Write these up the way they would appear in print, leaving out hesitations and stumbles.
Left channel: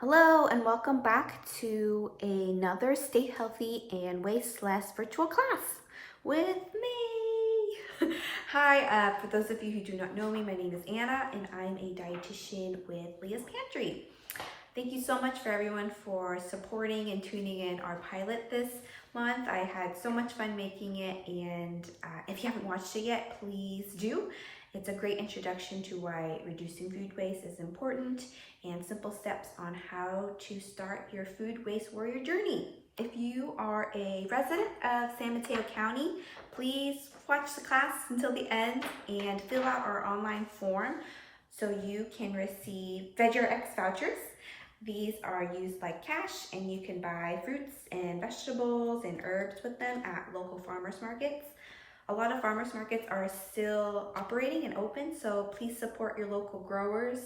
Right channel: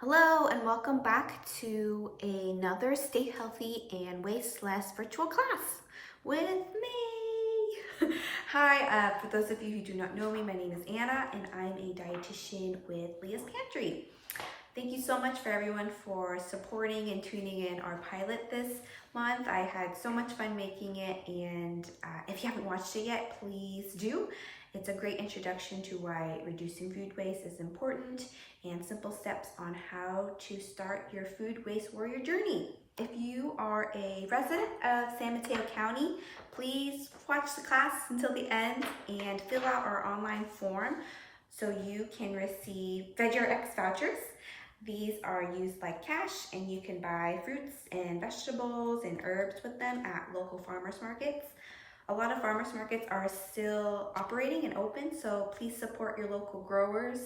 Hello and welcome back to another Stay Healthy and Waste Less virtual class with me. Hi, for those of you who do not know me, my name is Anna and I'm a dietitian with Leah's Pantry. Thank you so much for everyone for supporting and tuning in our pilot this month. I had so much fun making it, and if you haven't watched it yet, please do. It's a great introduction to why reducing food waste is important and simple steps on how to start your food waste warrior journey. If you are a resident of San Mateo County, please watch the class until the end and fill out our online form so you can receive VegRx vouchers. These are used like cash, and you can buy fruits and vegetables and herbs with them at local farmers markets. A lot of farmers markets are still operating and open, so please support your local growers.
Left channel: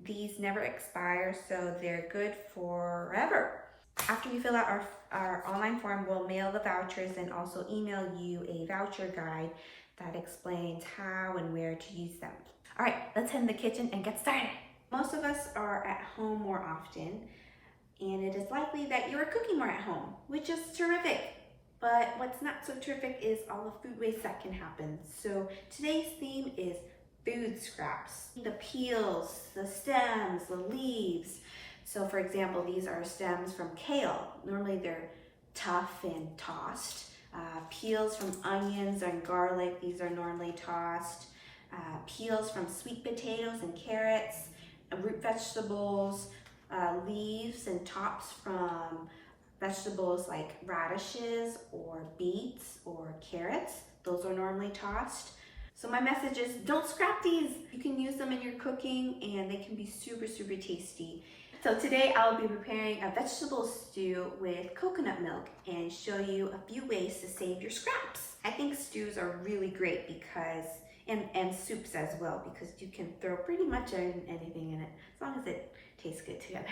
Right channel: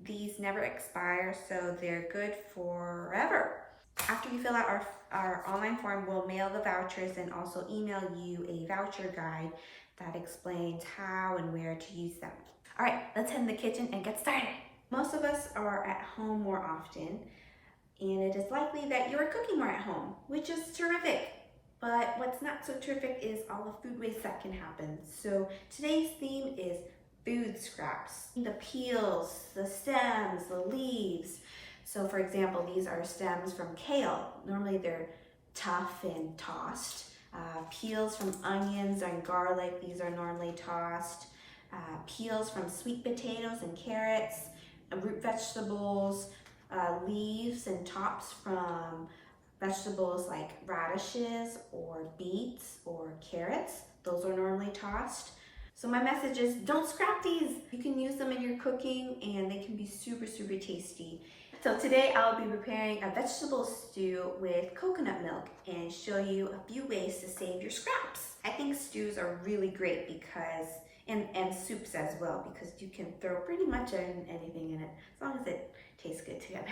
These never expire, so they're good forever. After you fill out our online form, we'll mail the vouchers and also email you a voucher guide that explains how and where to use them. All right, let's head in the kitchen and get started. Most of us are at home more often, and it is likely that you are cooking more at home, which is terrific. But what's not so terrific is all the food waste that can happen. So today's theme is food scraps. The peels, the stems, the leaves. So for example, these are stems from kale. Normally they're tough and tossed. Peels from onions and garlic, these are normally tossed. Peels from sweet potatoes and carrots. Root vegetables, leaves and tops from vegetables like radishes or beets or carrots. Those are normally tossed. So my message is don't scrap these. You can use them in your cooking and they can be super tasty. So today I'll be preparing a vegetable stew with coconut milk and show you a few ways to save your scraps. I think stews are really great because and soups as well, because you can throw pretty much anything in it as long as it tastes good together.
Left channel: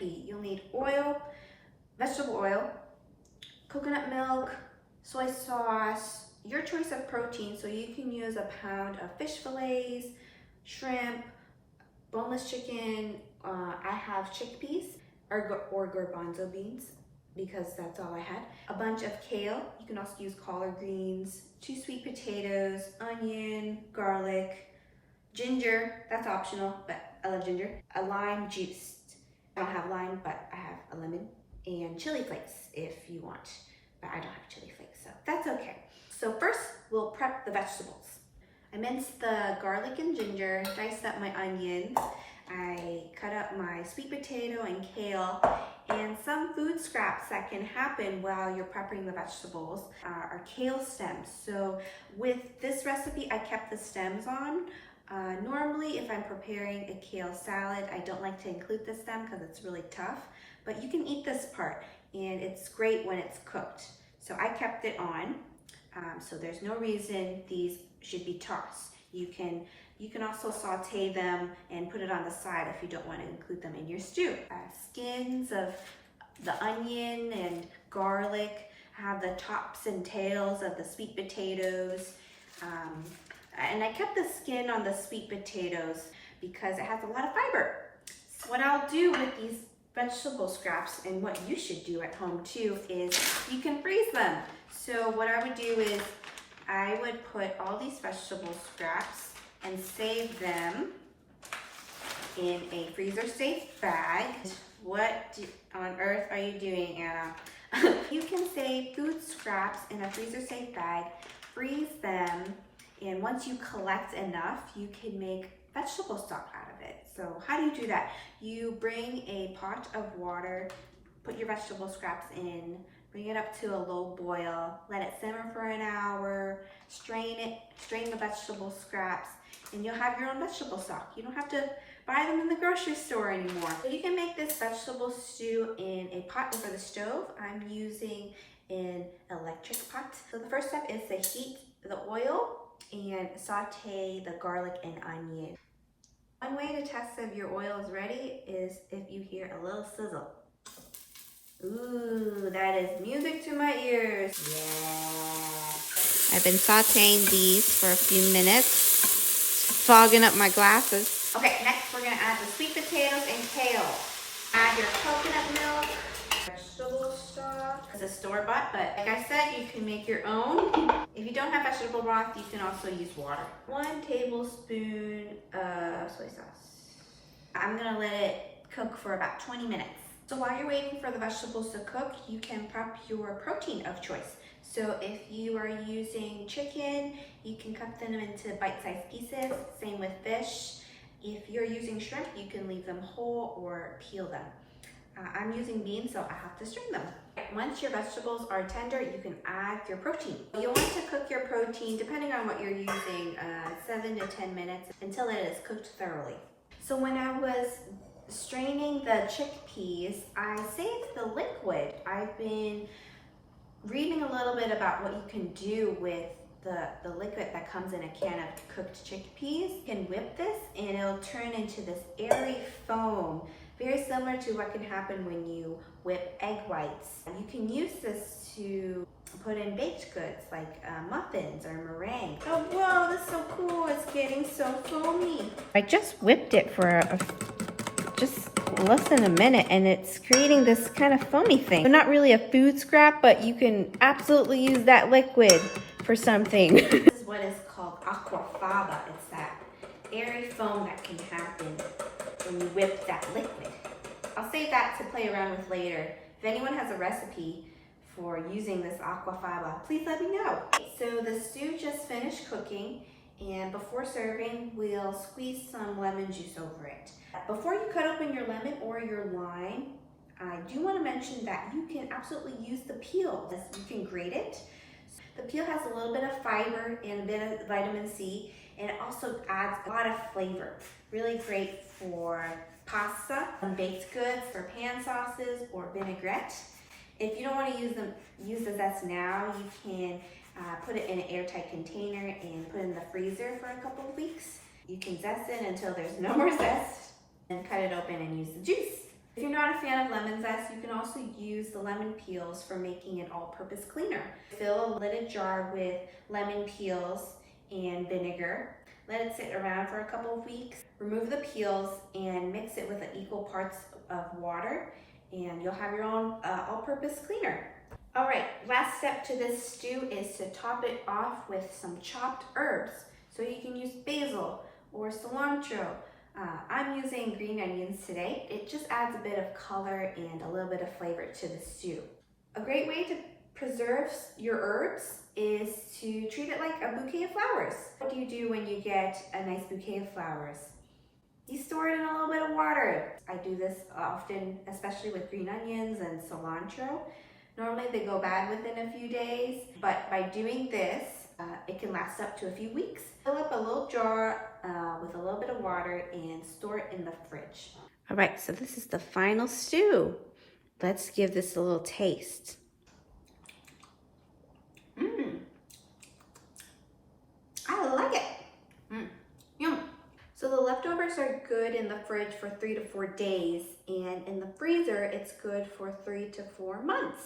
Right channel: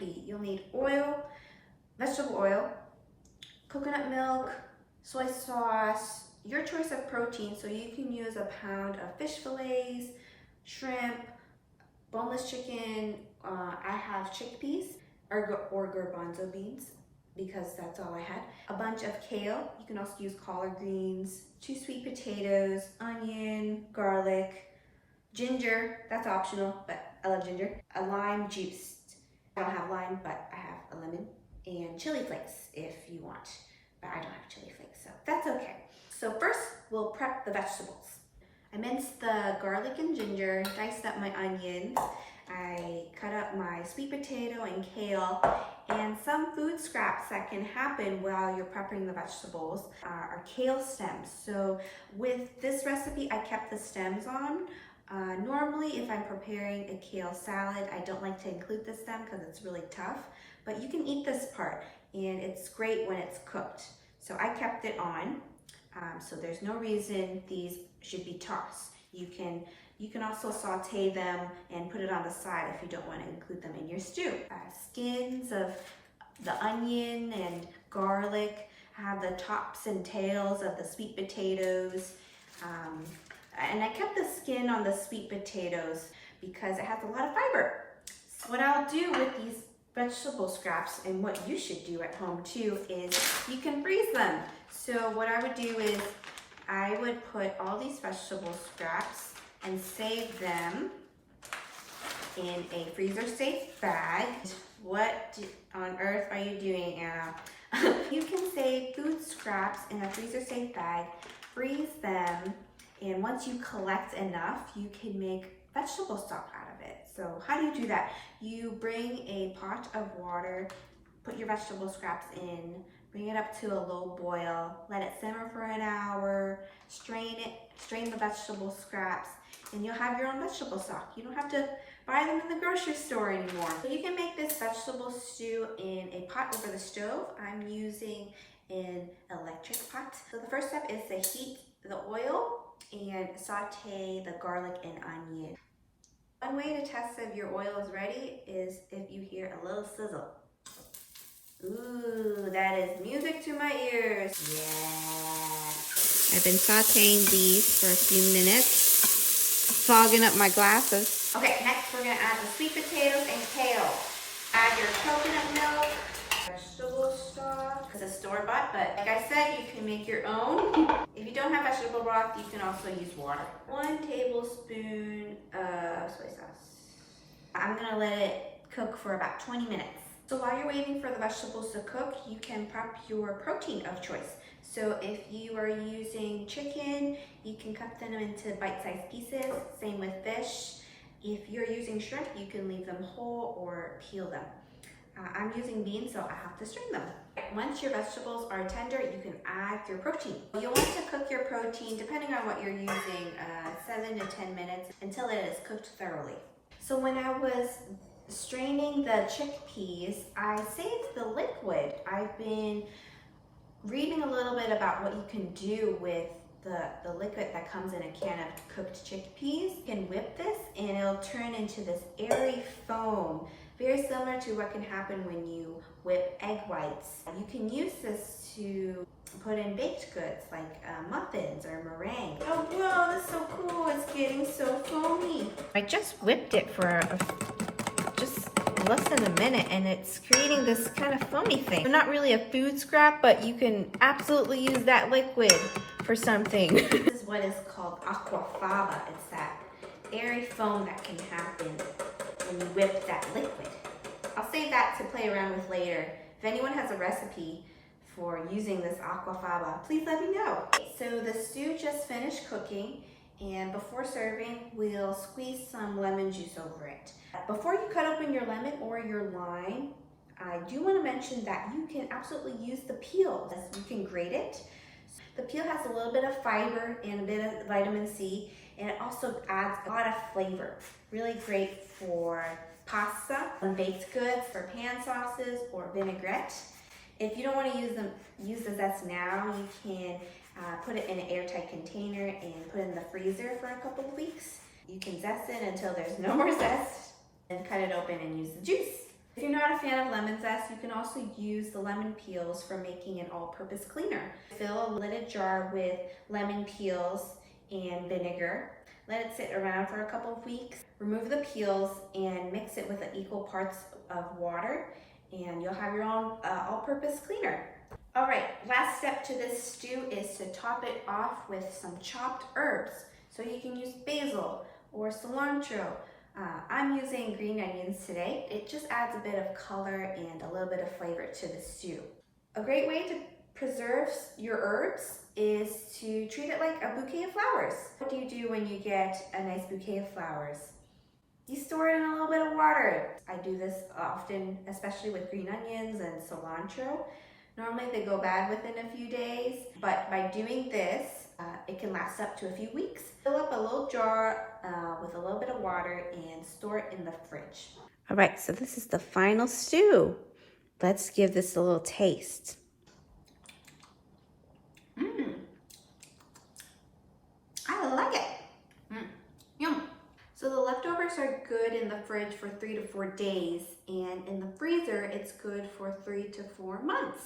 You'll need oil, vegetable oil, coconut milk, soy sauce, your choice of protein. So you can use a pound of fish fillets, shrimp, boneless chicken. I have chickpeas or garbanzo beans because that's all I had. A bunch of kale. You can also use collard greens, 2 sweet potatoes, onion, garlic, ginger, that's optional, but I love ginger. A lime juice. I don't have lime, but I have a lemon. And chili flakes if you want, but I don't have chili flakes, so that's okay. So first, we'll prep the vegetables. I minced the garlic and ginger, diced up my onions. I cut up my sweet potato and kale, and some food scraps that can happen while you're prepping the vegetables are kale stems. So with this recipe, I kept the stems on. Normally, if I'm preparing a kale salad, I don't like to include the stem because it's really tough, but you can eat this part, and it's great when it's cooked. So I kept it on, so there's no reason these should be tossed. You can also saute them and put it on the side if you don't want to include them in your stew. Skins of the onion and garlic, have the tops and tails of the sweet potatoes. And I kept the skin on the sweet potatoes because it has a lot of fiber. So what I'll do with these vegetable scraps, and what you should do at home too, is you can freeze them. So what I would do is I would put all these vegetable scraps and save them in a freezer safe bag. What on earth are you doing, Anna? You can save food scraps in a freezer safe bag, freeze them, and once you collect enough, you can make vegetable stock out of it. So how do you do that? You bring a pot of water, put your vegetable scraps in, bring it up to a low boil, let it simmer for an hour, strain the vegetable scraps, and you'll have your own vegetable stock. You don't have to buy them in the grocery store anymore. So you can make this vegetable stew in a pot over the stove. I'm using an electric pot. So the first step is to heat the oil and saute the garlic and onion. One way to test if your oil is ready is if you hear a little sizzle. Ooh, that is music to my ears. Yeah. I've been sauteing these for a few minutes, fogging up my glasses. Okay, next we're gonna add the sweet potatoes and kale. Add have your coconut milk, vegetable stock. It's a store-bought, but like I said, you can make your own. If you don't have vegetable broth, you can also use water. 1 tablespoon of soy sauce. I'm gonna let it cook for about 20 minutes. So while you're waiting for the vegetables to cook, you can prep your protein of choice. So if you are using chicken, you can cut them into bite-sized pieces. Same with fish. If you're using shrimp, you can leave them whole or peel them. I'm using beans, so I have to strain them. Once your vegetables are tender, you can add your protein. You'll want to cook your protein, depending on what you're using, 7 to 10 minutes until it is cooked thoroughly. So when I was straining the chickpeas, I saved the liquid. I've been reading a little bit about what you can do with the liquid that comes in a can of cooked chickpeas. You can whip this and it'll turn into this airy foam, very similar to what can happen when you whip egg whites. You can use this to put in baked goods like muffins or meringue. Oh wow, that's so cool. It's getting so foamy. I just whipped it for just less than a minute and it's creating this kind of foamy thing. So not really a food scrap, but you can absolutely use that liquid for something. This is what is called aquafaba. It's that airy foam that can happen when you whip that liquid. I'll save that to play around with later. If anyone has a recipe for using this aquafaba, please let me know. So the stew just finished cooking, and before serving, we'll squeeze some lemon juice over it. Before you cut open your lemon or your lime, I do want to mention that you can absolutely use the peel. You can grate it. The peel has a little bit of fiber and a bit of vitamin C, and it also adds a lot of flavor. Really great for pasta and baked goods, for pan sauces or vinaigrette. If you don't want to use the zest now, you can put it in an airtight container and put it in the freezer for a couple of weeks. You can zest it until there's no more zest and cut it open and use the juice. If you're not a fan of lemon zest, you can also use the lemon peels for making an all-purpose cleaner. Fill a lidded jar with lemon peels and vinegar. Let it sit around for a couple of weeks. Remove the peels and mix it with equal parts of water, and you'll have your own all-purpose cleaner. All right, last step to this stew is to top it off with some chopped herbs. So you can use basil or cilantro. I'm using green onions today. It just adds a bit of color and a little bit of flavor to the stew. A great way to preserve your herbs is to treat it like a bouquet of flowers. What do you do when you get a nice bouquet of flowers? You store it in a little bit of water. I do this often, especially with green onions and cilantro. Normally they go bad within a few days, but by doing this, it can last up to a few weeks. Fill up a little jar with a little bit of water and store it in the fridge. All right, so this is the final stew. Let's give this a little taste. I like it. Yum. So the leftovers are good in the fridge for 3 to 4 days, and in the freezer, it's good for 3 to 4 months.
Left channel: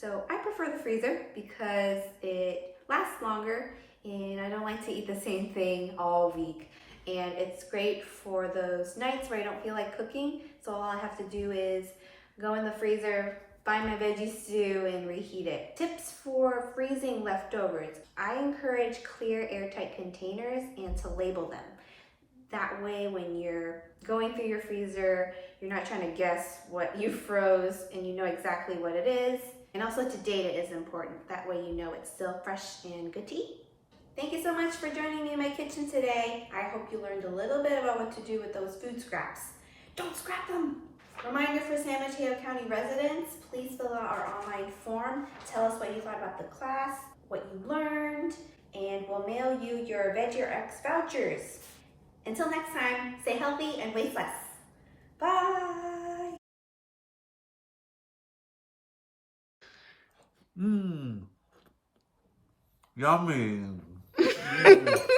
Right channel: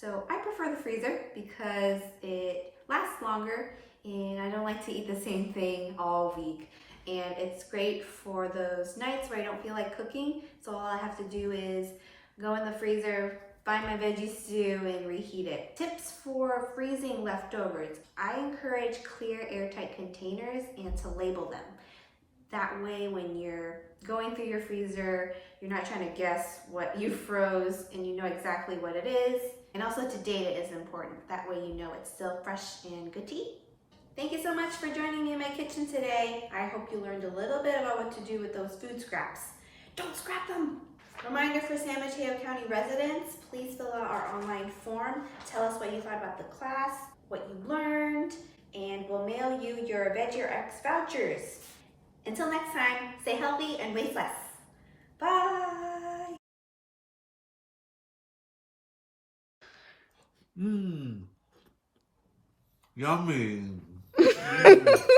So I prefer the freezer because it lasts longer and I don't like to eat the same thing all week. And it's great for those nights where I don't feel like cooking. So all I have to do is go in the freezer, find my veggie stew and reheat it. Tips for freezing leftovers. I encourage clear airtight containers and to label them. That way when you're going through your freezer, you're not trying to guess what you froze and you know exactly what it is. And also to date it is important. That way you know it's still fresh and good to eat. Thank you so much for joining me in my kitchen today. I hope you learned a little bit about what to do with those food scraps. Don't scrap them! Reminder for San Mateo County residents, please fill out our online form. Tell us what you thought about the class, what you learned, and we'll mail you your Veggie or X vouchers. Until next time, stay healthy and waste less. Bye! Yummy.